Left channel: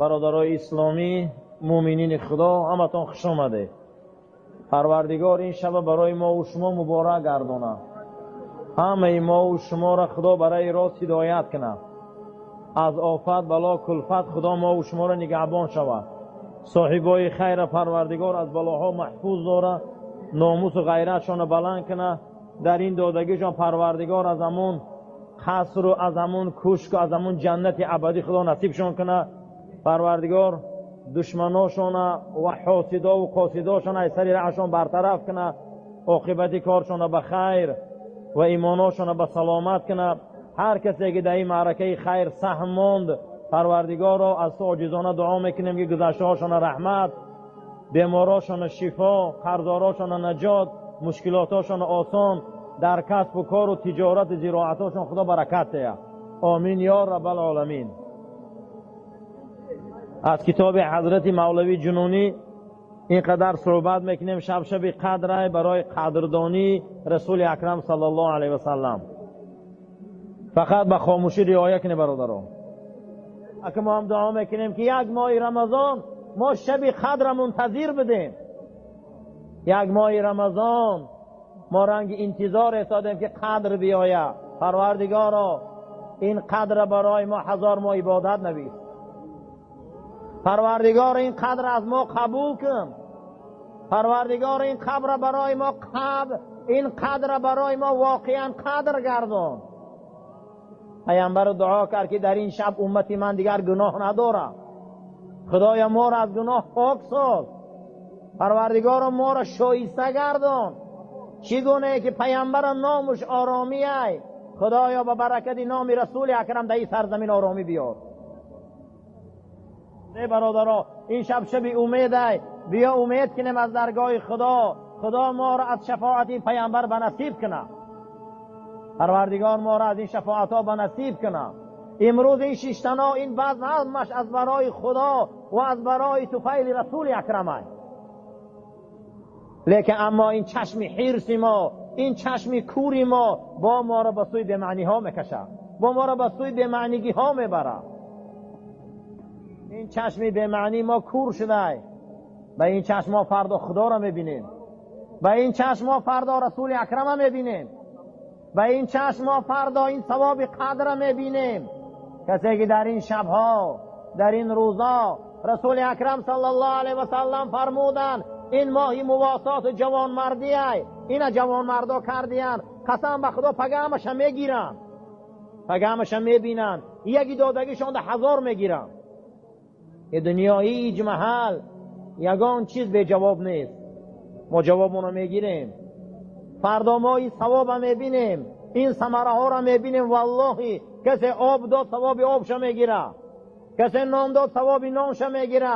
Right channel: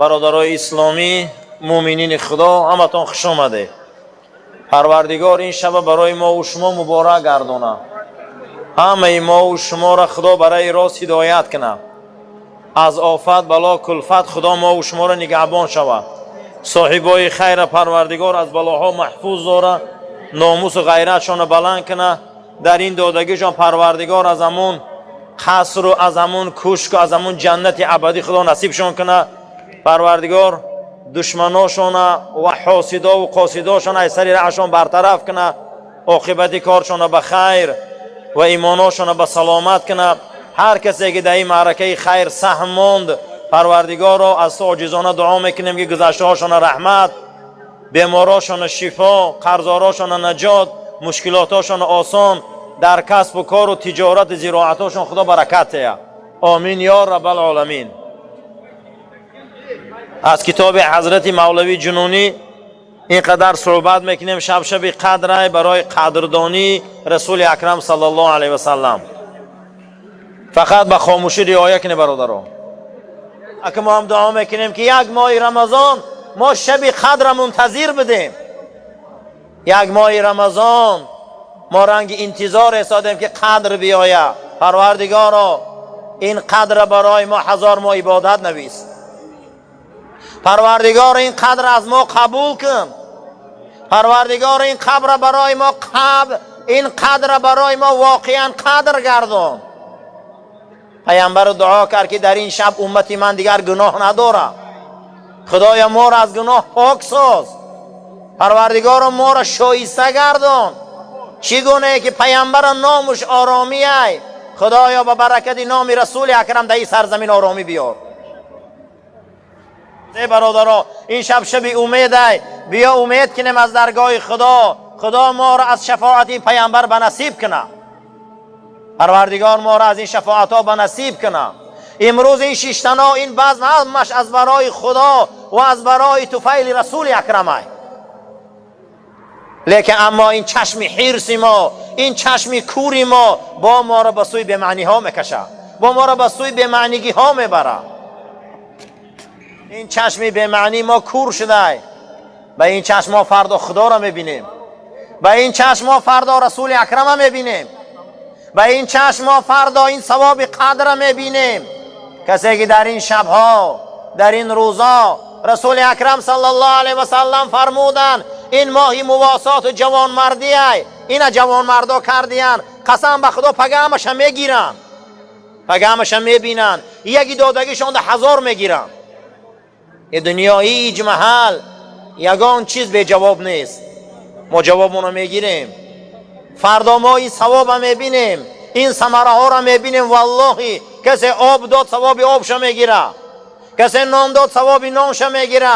برادرای اسلامی، مؤمنین خدا، همتون خوش آمده. پروردگار این شب برای ما و شما مبارک گردانه. همه ما و شما را خدا برای راست هدایت کنه. از آفت بلا کلفت خدا ما و شما را نگهبان شود. صاحبای خیر پروردگار از بلاها محفوظ داره. ناموس و غیرتشان بلند کنه. در این دادگیشان پروردگار از همون قصر و از همون کشک و از همون جنت ابدی خدا نصیبشان کنه. پروردگار دشمناشان و حاسدا و قاصداشان از سر رهشان برطرف کنه. عاقبت کارشان به خیر و ایماناشان به سلامت کنه. هر کسی که در این معرکه خیر سهم ماند، پروردگار را از عاجزانه دعا میکنیم که گذشته هاشان رحمت، بیماراشان شفا، قرضاراشان نجات، مشکلاتاشان آسان، در کسب و کار و تجارت زراعتاشان خدا برکت ده. آمین یا رب العالمین. از کتاب حضرت مولوی جنونی اینقدر صحبت میکنیم. شب قدر برای قدردانی رسول اکرم صلی الله علیه و سلم. فقط به خاموشی رعایت کنید برادران. اگه ما هم دعا میکنیم که یک ماه رمضان ما شب قدر منتظر بدیم. یک ماه رمضان ما رنگ انتظار ایستادیم که قدر بیاید. پروردگارا این قدر برای ما 1000 ماه عبادت نویس. پروردگار این قدر از ما قبول کن. پروردگار این قدر برای ما این قدر برای ما واقعا قدر گردان. پیامبر دعا کرد که در این شب امتی من دیگر گناه نداره. خدایا ما را از گناه پاک ساز. پروردگار ما را شایسته گردان. چگونه که پیامبر نامش آرامی ای. خدایا با برکت نام رسول اکرم در این سرزمین آرامی بیار. برادران این شب امید ای. بیا امید کنیم از درگاه خدا. خدا ما را از شفاعت پیامبر به نصیب کنه. پروردگار ما را از این شفاعت ها به نصیب کنه. امروز این شیشتنا این بزم همش از برای خدا و از برای طفیل رسول اکرم ای. لیکن اما این چشم حرص ما، این چشم کوری ما با ما را به سوی بی‌معنی ها میکشه. با ما را به سوی بی‌معنیگی ها میبره. این چشم بی‌معنی ما کور شده. به این چشم ما فردا خدا را میبینیم. به این چشم ما فردا رسول اکرم را میبینیم. به این چشم ما فردا این ثواب قدر را میبینیم. کسی که در این شبها، در این روزا رسول اکرم صلی الله علیه و سلم فرمودن این ماهی مواسات و جوان مردی ای. اینا جوان مردا کردیان. قسم به خدا پیغامش میگیرن. پیغامش میبینن. یکی دادگیشان 1000 میگیرن. این دنیا هیچ محل یگان چیز به جواب نیست. ما جوابمون رو میگیریم. فردا ما این ثواب میبینیم. این ثمره ها رو میبینیم. والله کسی آب داد ثواب آبش میگیره. کسی نان داد ثواب نانش میگیره.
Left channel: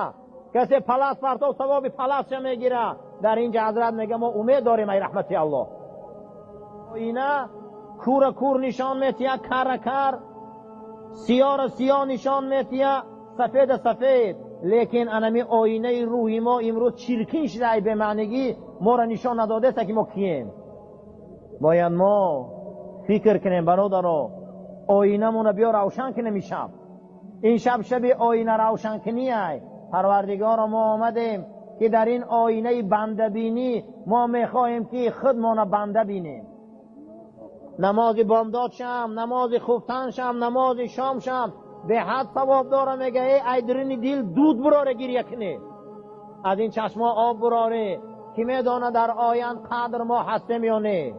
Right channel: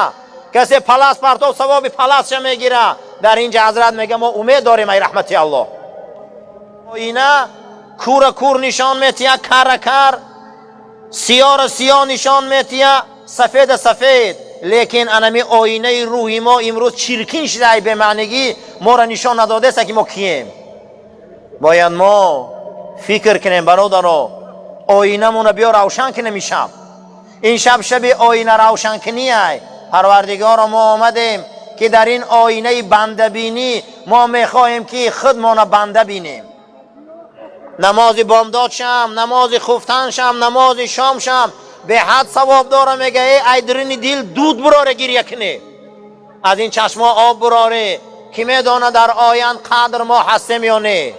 کسی پلاس پرتاب ثواب پلاسش میگیره. در اینجا حضرت میگه ما امید داریم ای رحمت الله. اینا کور کور نشان میتیه، کر کر، سیاه سیاه نشان میتیه، سفید سفید. لیکن انمی آینه روحی ما امروز چرکین شده به معنیگی ما را نشان نداده است که ما کیم. باید ما فکر کنیم برادران. آینه مون بیا روشن کنیم. این شب آینه روشن کنی ای. پروردگار ما آمدیم که در این آینه بنده بینی ما میخواهیم که خودمان بنده بینیم. نماز بامداد شم، نماز خفتن شم، نماز شام شم به حد ثواب داره. میگه ای درین دل دود براره گریه کنه. از این چشما آب براره. کی میدانه در آیند قدر ما هستیم یا نه؟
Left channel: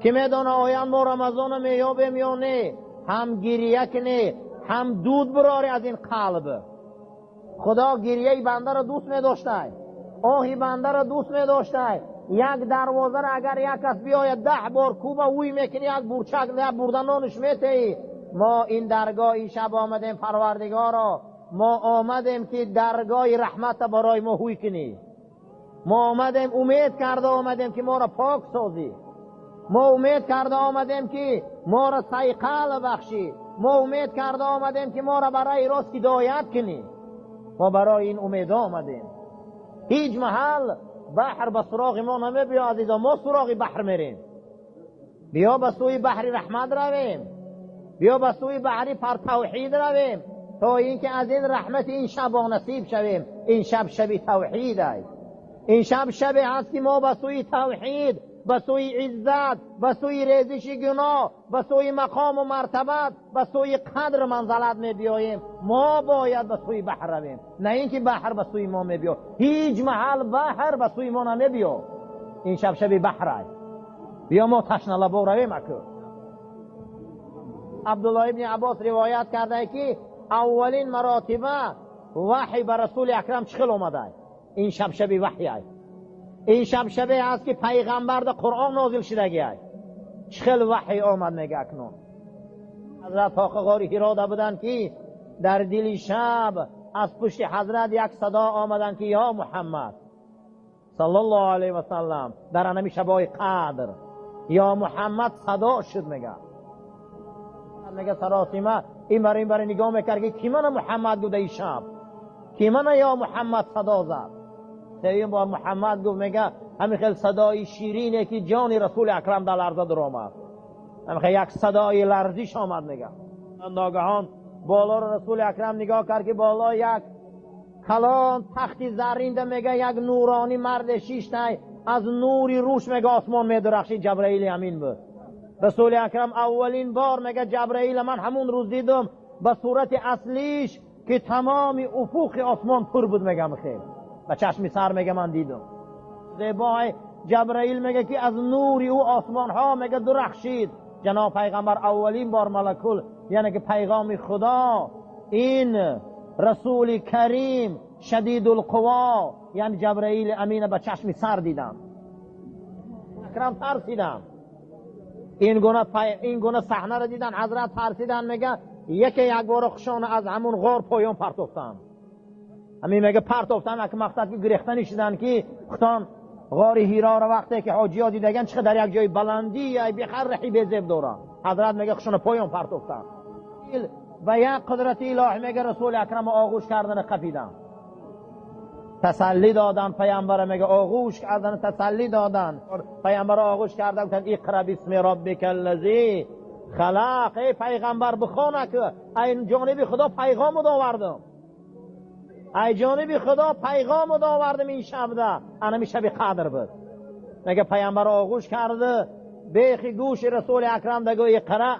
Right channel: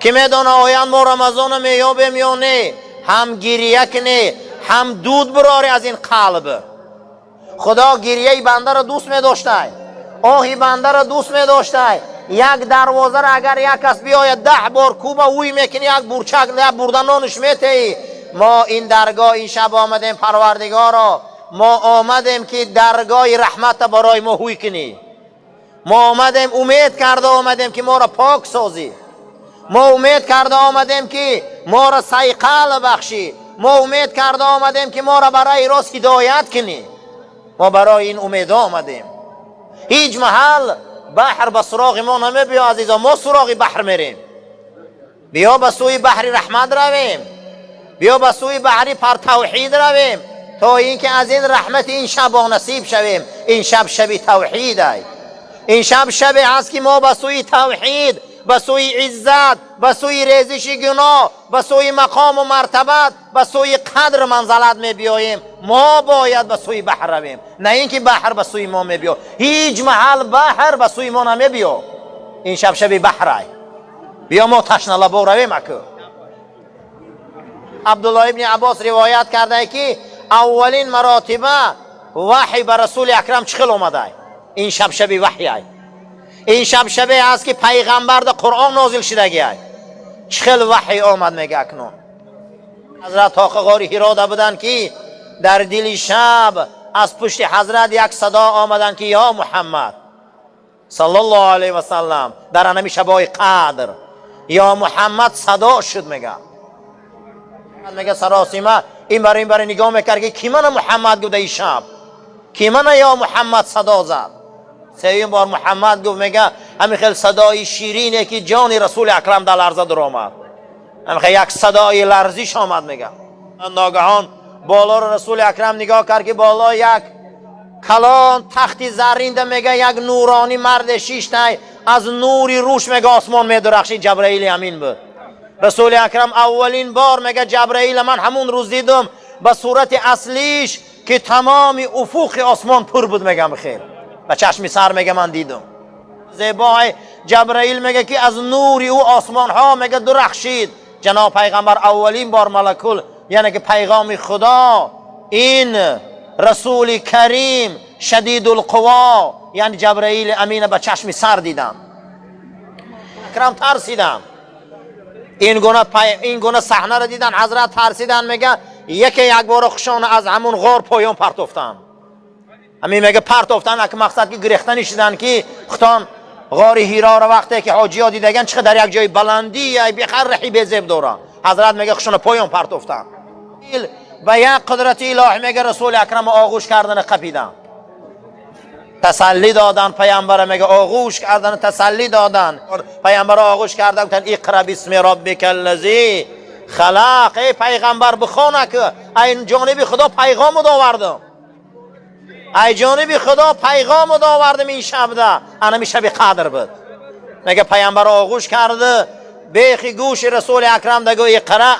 کی میدانه آیند ما رمضان میابیم یا نه؟ هم گریه کنه هم دود براره از این قلب. خدا گریه بنده را دوست می‌داشته. آهی بنده را دوست می‌داشته. یک دروازه را اگر یک کس بیاید 10 بار کوبه اوی میکنی، یک برچک نه بردنانش میتی. ما این درگاه این شب آمدیم پروردگارا. ما آمدیم که درگاه رحمت برای ما هوی کنی. ما آمدیم امید کرده آمدیم که ما را پاک سازی. ما امید کرده آمدیم که ما را سیقل بخشی. ما امید کرده آمدیم که ما را برای راست هدایت کنی. ما برای این امید آمدیم. هیچ محل بحر به سراغ ما نمیبیا عزیزا. ما سراغ بحر میریم. بیا به سوی بحر رحمت رویم. بیا به سوی بحر پر توحید رویم. تا اینکه از این رحمت این شب نصیب شویم. این شب شب توحید است. این شب شب است که ما به سوی توحید، به سوی عزت، به سوی ریزش گناه، به سوی مقام و مرتبت، به سوی قدر منزلت می بیاییم. ما باید به سوی بحر رویم، نه اینکه بحر به سوی ما می بیاد. هیچ محل بحر به سوی ما نمی بیاد. این شب شب بحر است. بیا ما تشنه لبا رویم. عبدالله ابن عباس روایت کرده که اولین مراتبه وحی به رسول اکرم چخل اومده. این شب شب وحی است. این شب شب است که پیغمبر در قرآن نازل شدگی است. چخل وحی آمد میگه اکنون. حضرت طاق غار حرا بودن که در دل شب از پشت حضرت یک صدا آمدن که یا محمد صلی الله علیه و سلم، در انمی شبای قدر یا محمد صدا شد. میگه سراسیمه این برای نگاه میکرد که کی من محمد گفت این شب، کی من یا محمد صدا زد. سومین بار محمد گفت، میگه همین خیلی صدای شیرینه که جان رسول اکرم در لرزه در آمد. همین خیلی یک صدای لرزش آمد. میگه ناگهان بالا رو رسول اکرم نگاه کرد که بالا یک کلان تختی زرین، میگه یک نورانی مرد شیشتای از نوری روش میگه آسمان میدرخشید. جبرئیل امین بود. رسول اکرم اولین بار میگه جبرئیل من همون روز دیدم به صورت اصلیش که تمام افق آسمان پر بود. میگم خیر به چشم سر میگه من دیدم. زیبای جبرئیل میگه که از نوری او آسمان ها میگه درخشید. جناب پیغمبر اولین بار ملکل، یعنی که پیغام خدا، این رسول کریم شدید القوا یعنی جبرئیل امین به چشم سر دیدن. اکرم ترسیدن. این گونه صحنه را دیدن. حضرت ترسیدن. میگه یک بار خشان از همون غار پایان پرتفتن. همین میگه پرتفتن که مقصد که گریختن شدن که ختان غار حرا را وقتی که حاجی ها دیدگن چقدر در یک جای بلندی یا بخر رحی بزیب دورن. حضرت میگه خشان پایان پرتفتن. و یک قدرت الهی میگه رسول اکرم آغوش کردن قپیدن، تسلی دادن. پیامبر میگه آغوش کردن، تسلی دادن. پیامبر آغوش کردن گفتن اقرا بسم ربک الذی خلق. ای پیغمبر بخونه که این جانب خدا پیغام آوردم. ای جانب خدا پیغام آوردم این شب ده. انا شب قدر بود. میگه پیامبر آغوش کرده بیخی گوش رسول اکرم دگو اقرا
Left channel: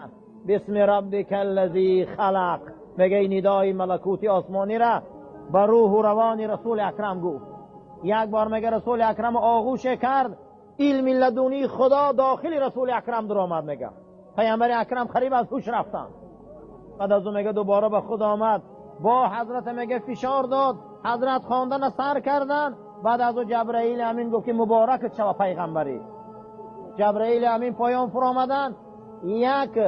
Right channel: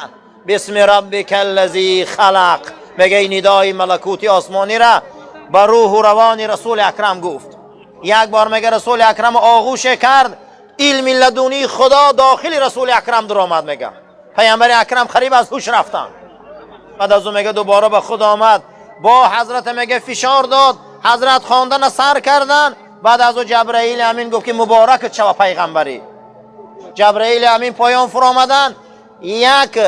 بسم ربک الذی خلق. میگه این ندای ملکوتی آسمانی را با روح و روان رسول اکرم گفت. یک بار میگه رسول اکرم آغوش کرد، علم لدونی خدا داخل رسول اکرم در آمد. میگه پیامبر اکرم قریب از هوش رفتن. بعد از اون میگه دوباره به خود آمد، با حضرت میگه فشار داد، حضرت خواندن سر کردن. بعد از اون جبرئیل امین گفت که مبارک شو پیغمبری. جبرئیل امین پایان فرآمدن، یک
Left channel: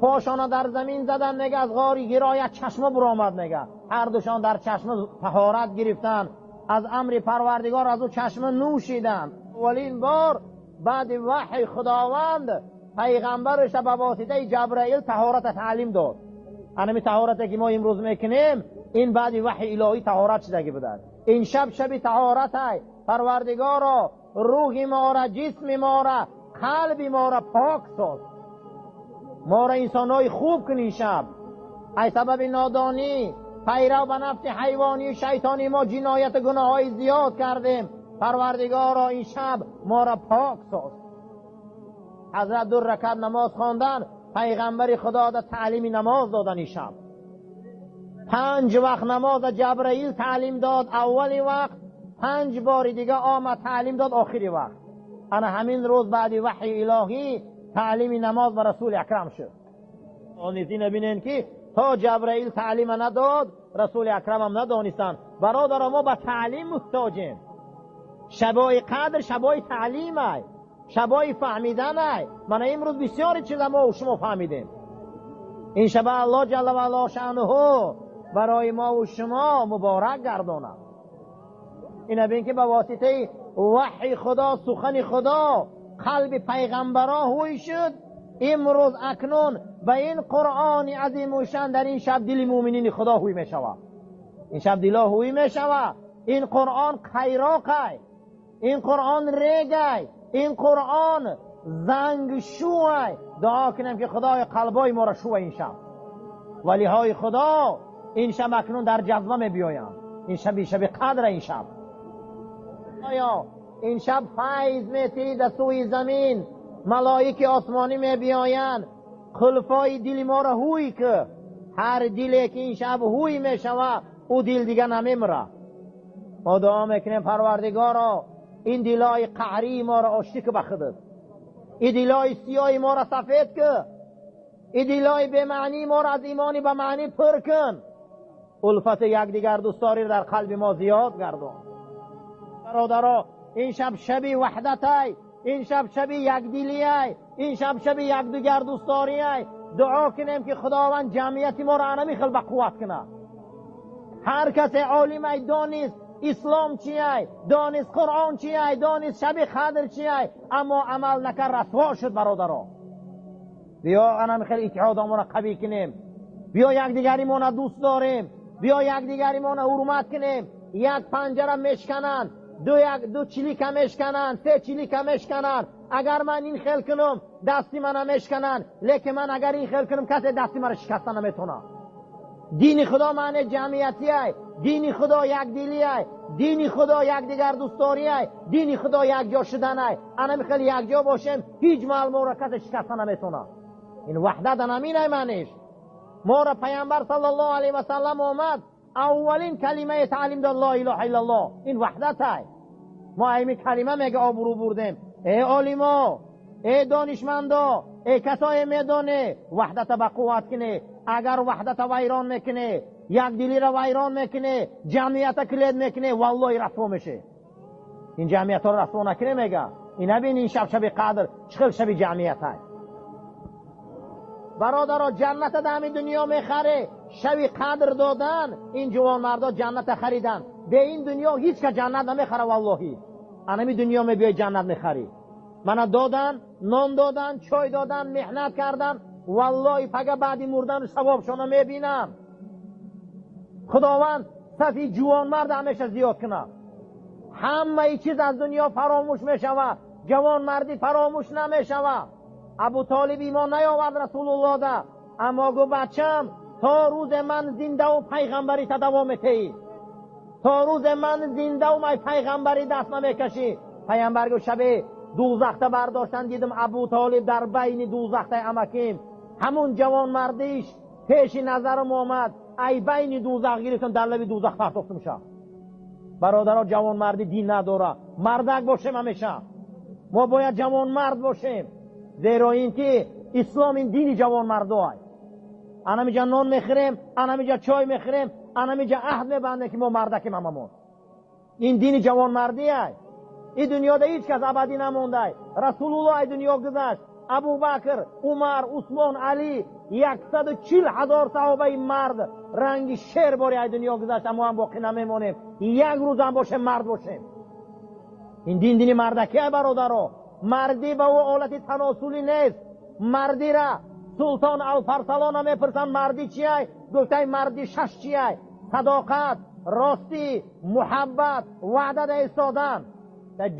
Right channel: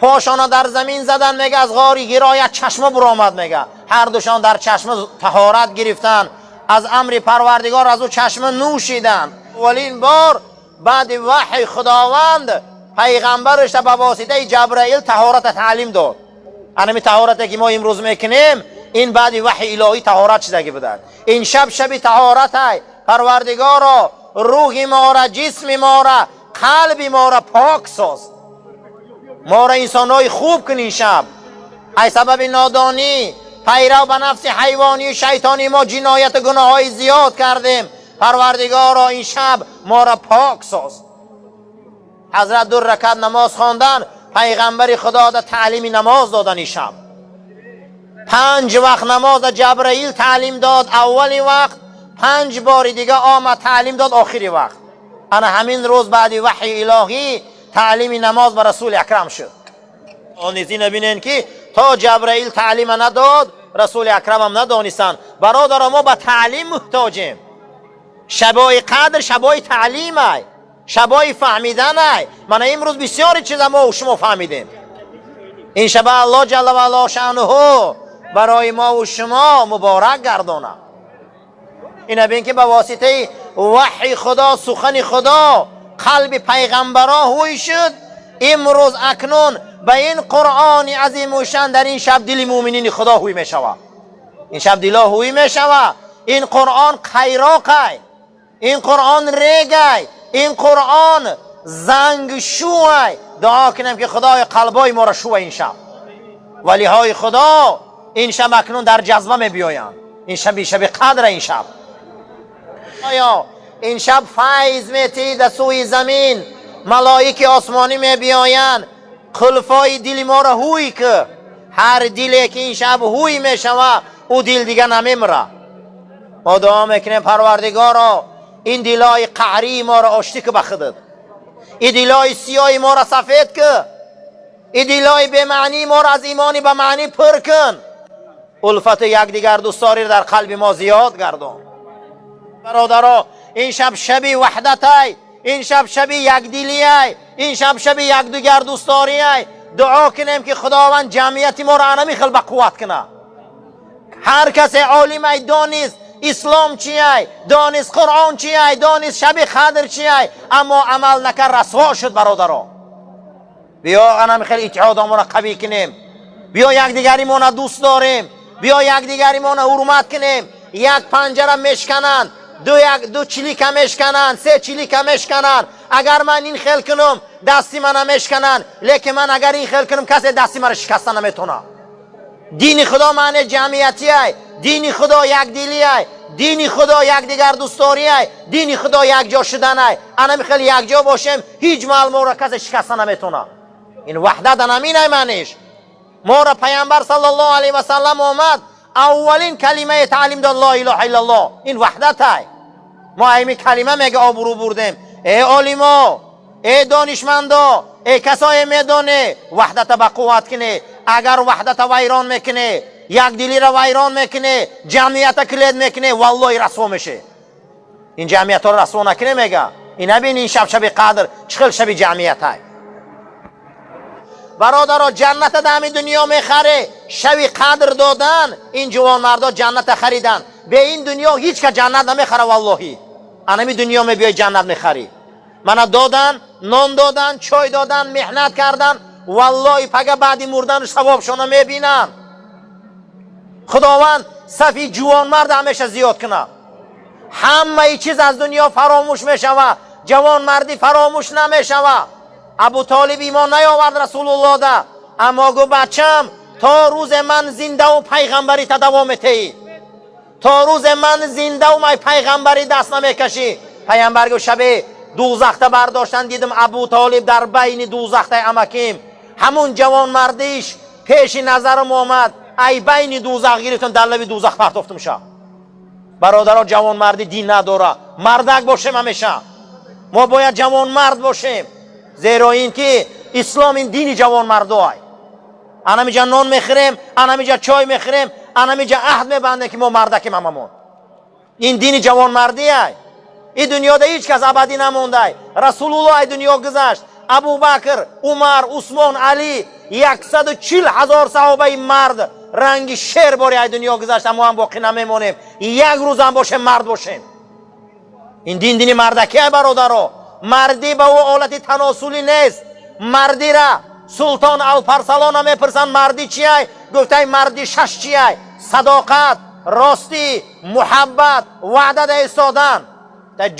پاشانا در زمین زدن. میگه از غار حرا یک چشمه برآمد. میگه هر دوشان در چشمه طهارت گرفتن، از امر پروردگار از او چشمه نوشیدن. اولین بار بعد وحی خداوند پیغمبرش به واسطه جبرئیل طهارت تعلیم داد. همین طهارتی که ما امروز میکنیم این بعد وحی الهی طهارت شدگی بودن. این شب شب طهارت های پروردگار روح ما را، جسم ما را، قلب ما را پاک ساز. ما را انسانای خوب کن. این شب ای سبب نادانی پیرو به نفس حیوانی و شیطانی ما جنایت و گناه های زیاد کردیم. پروردگارا این شب ما را پاک ساز. حضرت 2 رکعت نماز خواندن، پیغمبر خدا دا تعلیم نماز دادن. این شب 5 وقت نماز جبرئیل تعلیم داد. اولی وقت 5 بار دیگه آمد تعلیم داد آخری وقت. انا همین روز بعد وحی الهی تعلیم نماز به رسول اکرم شد. آنیزی نبینین که تا جبرئیل تعلیم نداد رسول اکرم هم ندانستن. برادر ما به تعلیم محتاجیم. شبای قدر شبای تعلیم ای، شبای فهمیدن ای. من امروز بسیاری چیز ما و شما فهمیدیم. این شب الله جل و علا شأنه برای ما و شما مبارک گردانه. این ببین که به واسطه وحی خدا، سخن خدا، قلب پیغمبرا هوی شد. امروز اکنون به این قرآن عظیم و شان در این شب دل مومنین خدا هوی می شود. این شب دلا هوی می شود. این قرآن خیراقی، این قرآن ریگی، این قرآن زنگ شوی. دعا کنم که خدای قلبای ما را شو این شب. ولی های خدا این شب اکنون در جذبه می بیاین. این شب قدر. این شب آیا این شب فیض میتی در سوی زمین، ملائک آسمانی می بیاین خلفای دل ما را هوی که هر دلی که این شب هوی می شود او دل دیگه نمیمره. ما دعا میکنیم پروردگارا این دلای قهری ما را آشتی که بخدد، این دلای سیاه ما را سفید که، این دلای به معنی ما را از ایمانی به معنی پر کن. الفت یکدیگر دوستاری در قلب ما زیاد گردان. برادرها این شب شبی وحدت ای، این شب شبی یکدلی ای، این شب شبی یکدیگر دوستاری ای. دعا کنیم که خداوند جمعیت ما را انمی خل به قوت کنه. هر کس عالم ای دانست اسلام چیه، دانست قرآن چیه، دانست شب قدر چیه، اما عمل نکرد رسوا شد. برادرها بیا انمی خل اتحادمون را قوی کنیم، بیا یکدیگری ما دوست داریم، بیا یکدیگری ما حرمت کنیم. یک پنجره مشکنن، دو چلیکه مشکنن، سه چلیکه مشکنن. اگر من این خیل کنم دستی من مشکنن، لیکن من اگر این خیل کنم کسی دستی من شکستن نمیتونه. دین خدا معنی جمعیتی ای، دین خدا یک دلی ای، دین خدا یک دیگر دوستاری ای، دین خدا یک جا شدن ای. انا میخوام یک جا باشیم، هیچ معلومه را کسی شکستن نمیتونه. این وحدت نمین ای معنیش. ما را پیامبر صلی الله علیه و سلم آمد اولین کلمه تعلیم داد لا اله الا الله. این وحدت ای. ما این کلمه میگه آبرو بردیم. ای عالما، ای دانشمندا، ای کسای میدانه وحدت با قوت کنه. اگر وحدت ویران میکنه، یک دلی را ویران میکنه، جمعیت کلید میکنه، والله رسوا میشه. این جمعیت را رسوا نکنه میگه. این نبین این شب قدر چخل شب جمعیت های. برادرها جنت در همین دنیا میخره. شب قدر دادن این جوان مردا جنت خریدن. به این دنیا هیچ که جنت نمیخره والله. همین دنیا میبیای جنت میخری. من دادن، نان دادن، چای دادن، محنت کردن، والله پگه بعدی مردن ثوابشون میبینن. خداوند صفی جوان مرد همیشه زیاد کنه. همه چیز از دنیا فراموش میشوه، جوان مردی فراموش نمیشوه. ابو طالب ایمان نیاورد رسول الله ده، اما گو بچم تا روز من زنده و پیغمبری تا دوام تی، تا روز من زنده و پیغمبری دست نمیکشی. پیغمبر گو شب دوزخت برداشتن، دیدم ابو طالب در بین دوزخت امکیم. همون جوان مردیش پیش نظرم آمد، ای بین دوزخ گرفتم در لب دوزخ پرتافتم شد. برادرها جوان مردی دین نداره، مردک باشیم همیشه. ما باید جوان مرد باشیم، زیرا این که اسلام این دینی جوان مردای. انا میجا نان میخوریم، انا میجا چای میخوریم، انا میجا عهد میبنده که ما مردکیم هممون. این دینی جوان مردی ای. این دنیا ده هیچ کس ابدی نمونده. رسول الله دنیا گذشت، ابو بکر، عمر، عثمان، علی، 140,000 صحابه مرد رنگ شیر باری دنیا گذشت، اما هم باقی نمیمونیم. یک روز هم باشه مرد باشیم. این دین مردکی ای برادرها. مردی به او حالت تناسلی نیست. مردی را سلطان الپرسلان میپرسن مردی چیه؟ گفته مردی شش چیه؟ صداقت، راستی، محبت، وعده ایستادن.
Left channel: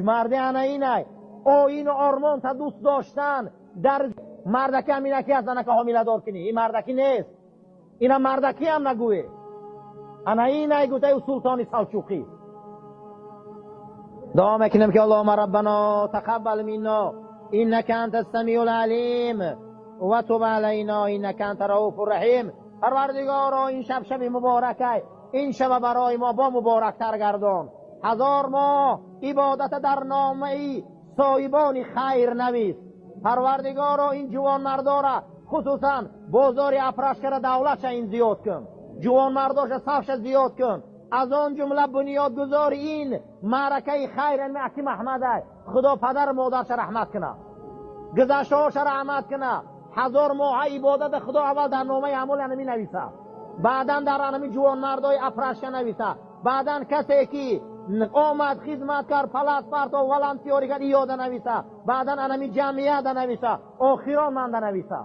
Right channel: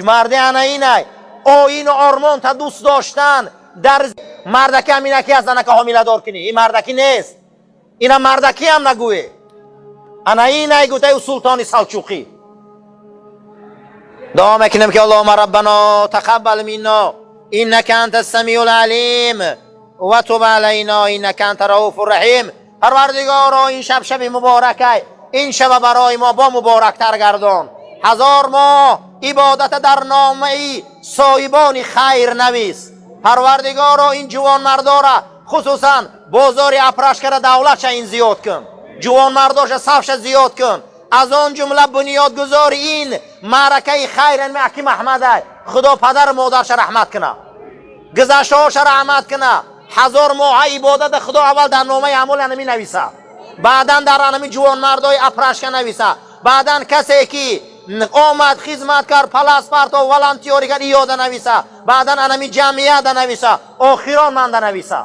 مردی انا اینه، آیین و آرمان تا دوست داشتن. در مردکی همینه که از زنک حامله دار کنی، این مردکی نیست. اینا مردکی هم نگوی. انا اینه گفته سلطان سلجوقی. دعا میکنم که اللهم ربنا تقبل منا انك انت السمیع العلیم و تب علینا انك انت رؤوف الرحیم. پروردگارا این شب مبارکه، این شب برای ما با مبارکتر گردان. 1000 ماه عبادت در نامه صاحبان خیر نویس. پروردگارا این جوان مردارا خصوصا بازار اپرشکر دولت این زیاد کن، جوان مرداش صفش زیاد کن. از آن جمله بنیادگذار این معرکه خیر حکیم احمد، خدا پدر مادرش رحمت کنه، گذشته‌هاش رحمت کنه. 1000 ماه عبادت خدا اول در نامه اعمال انمی نویسه، بعدا در انمی جوان مردای اپرشکر نویسه، بعدا کسی که آمد خدمت کرد پلاس پارت و ولانتیوری کرد یاد نویسه، بعدا انمی جمعیت نویسه، آخران من نویسه.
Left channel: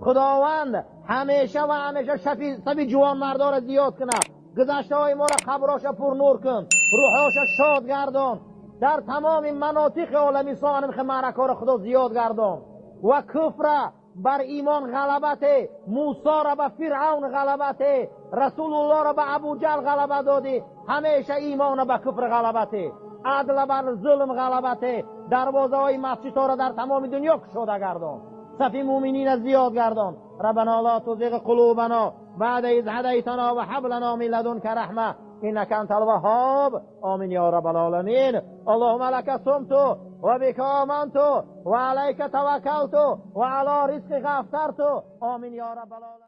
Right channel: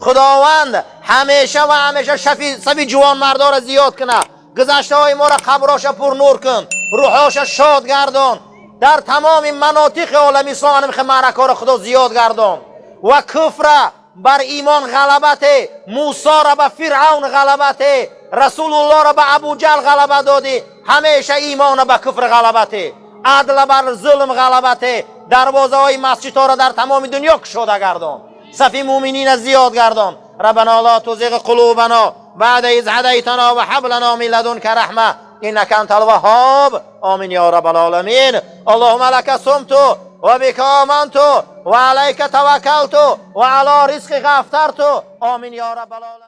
خداوند همیشه و همیشه صفی جوان مردا را زیاد کنه. گذشته های ما را قبراش پر نور کن، روحاش شاد گردان. در تمام مناطق عالم اسلام همیشه معرکه را خدا زیاد گردان و کفر بر ایمان غلبت، موسی را به فرعون غلبت، رسول الله را به ابو جهل غلبه دادی، همیشه ایمان به کفر غلبته، عدل بر ظلم غلبته. دروازه های مسجد ها را در تمام دنیا گشوده گردان، صف مؤمنین زیاد گردان. ربنا لا تزغ قلوبنا بعد اذ هدیتنا و هب لنا من لدنک رحمه انک انت الوهاب. آمین یا رب العالمین. اللهم لك صمت و بك آمنت و علیک توکلت و علی رزقک افطرت. آمین یا رب العالمین.